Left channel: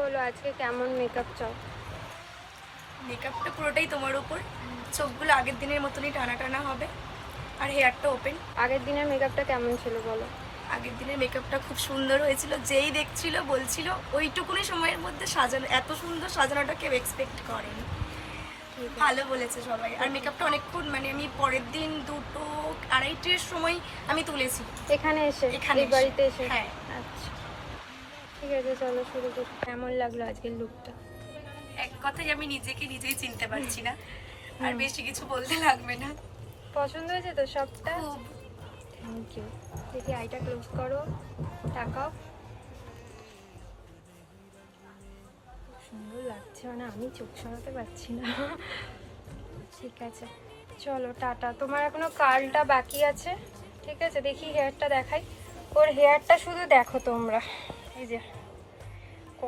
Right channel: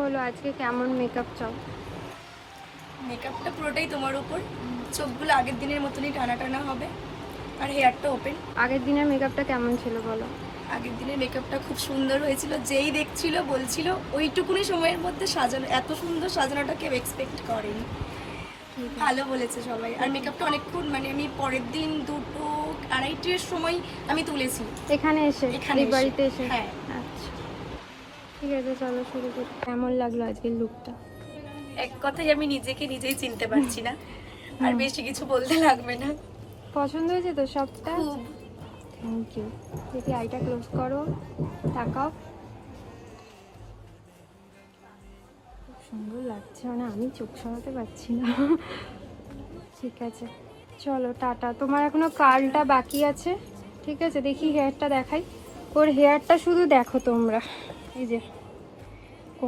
বলো আজকে কেমন মেকআপ চাও? মেকআপটা পুরোটাই তোমার উপর। চোখগুলো আগের দিনের মতনই টানা টানা হবে, আর হেয়ারটা ওপেন। আগের দিনের মেকআপটা কেমন ছিল বলো? আগের দিনের মেকআপটা খুব সুন্দর হয়েছিল, যেই দেখছিল বলছিল ওইটুকুনি সময়ের মধ্যে সাজানো, এত সুন্দর সাজানোটা কেউ এক্সপেক্ট করেনি। ভালো বলেছে সবাই। আর মেকআপটা অনেকক্ষণ, মানে আমি পরের দিন 2-2:30 সময় আমি তুলেছি এখানে এসে? এখানে এসে। বাড়িতে এসে? হ্যাঁ। আচ্ছা ঠিক আছে, চলো শুরু করি। কেমন লাগলো আজকের লুকটা? এক কথায় আমি নিজেকে নিজেই চিনতে পারছি না, আর বেশি কিছু বলতে লাগবে না। পছন্দ হয়েছে তো সবটা? খুব। Thank you. দেখি আইটা ক্লোজ করো, তাকাও। সুন্দর লাগছে, মানে আমি চোখ সরাতে পারছি না। ঠিক আছে চলো টাটা। তোমার এখনো কার্লটা বাকি আছে, ঠিক আছে? দেখি হেয়ারটা দেখাই। ওর হেয়ারটা শুধু দেখো তোমরা, এই যে